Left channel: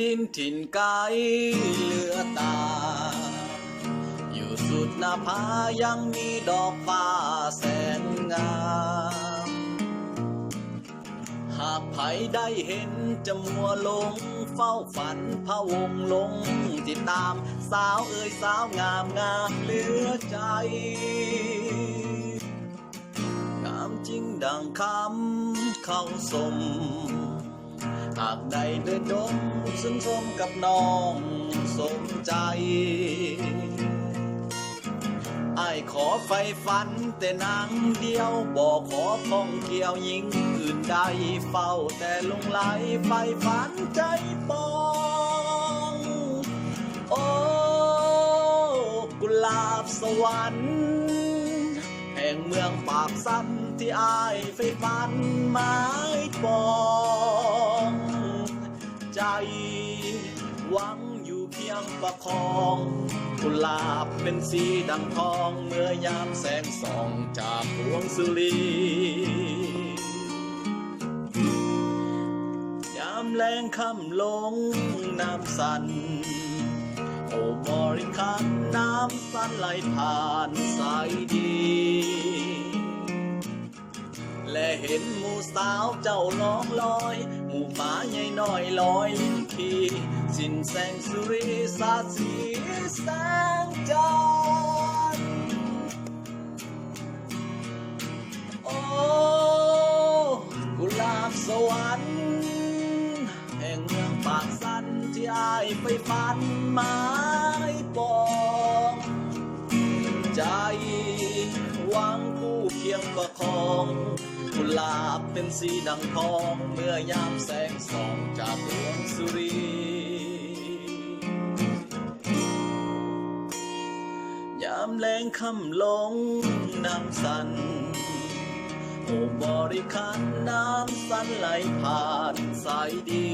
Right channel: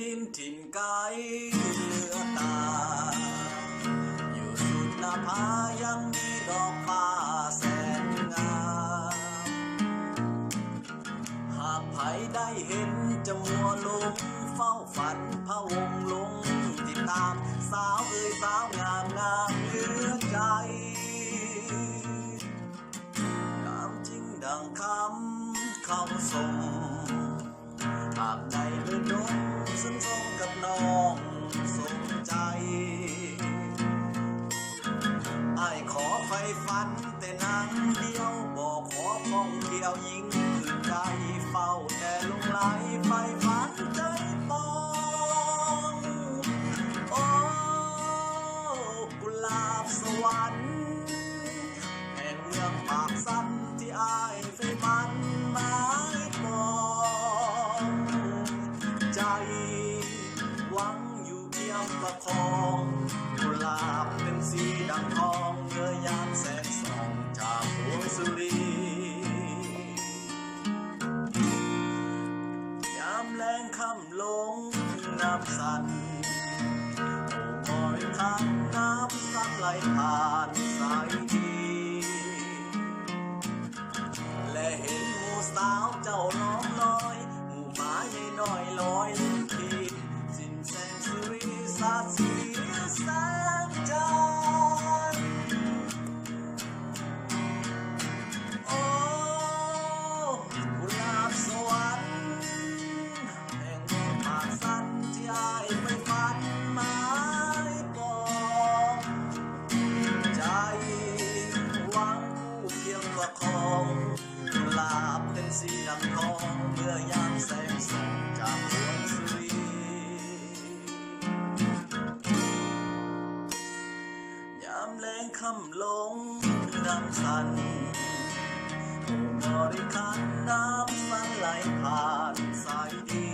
ดินถิ่นไกลเหลือตาอยู่สุดหน้าผายังมีดอกฟ้าแสนงามหากใครได้เห็นจะมัวลงเฝ้าฝันพะวงลงติดตามสาวเอ่ยสาวงามงามเหลือใจงามจริงดังคำเข้าสมหากได้เดินดงซึ่งสมกับน้องสมใจอ้ายขอไฟฝันแต่นางเดียวบอกขอท่องเที่ยวยิ่งอื่นใดเฝ้าแต่ลงไหลไฟฝันใจปองโอ้กุหลาบสวรรค์แห่งเมืองปากสันที่อ้ายไฟฝันหมายปองใจหวังอยู่เพียงประคองกุหลาบเป็นสีดังทองเมื่อยามแสงส่องจากพวงสุรียามแรงค่ำลงน้ำสั่นโอ้บริคันน้ำสั่นไหลผ่านสายดีและเห็นหมู่สาวเจ้าล้อมลอยหมู่หมาใหญ่น้อยลอยลิ้นทีสิ้นแสงสุริสาดสีแสงจันทร์โอ้กุหลาบสวรรค์แห่งเมืองปากสันที่อ้ายไปฝันหมายปองใจหวังคู่เคียงประคองกุหลาบเป็นสีดังทองเมื่อยามแสงส่องจากดวงสุรียามแรงค่ำลงน้ำสั่นโอ้บริคันน้ำสั่นไหลผ่านสายดี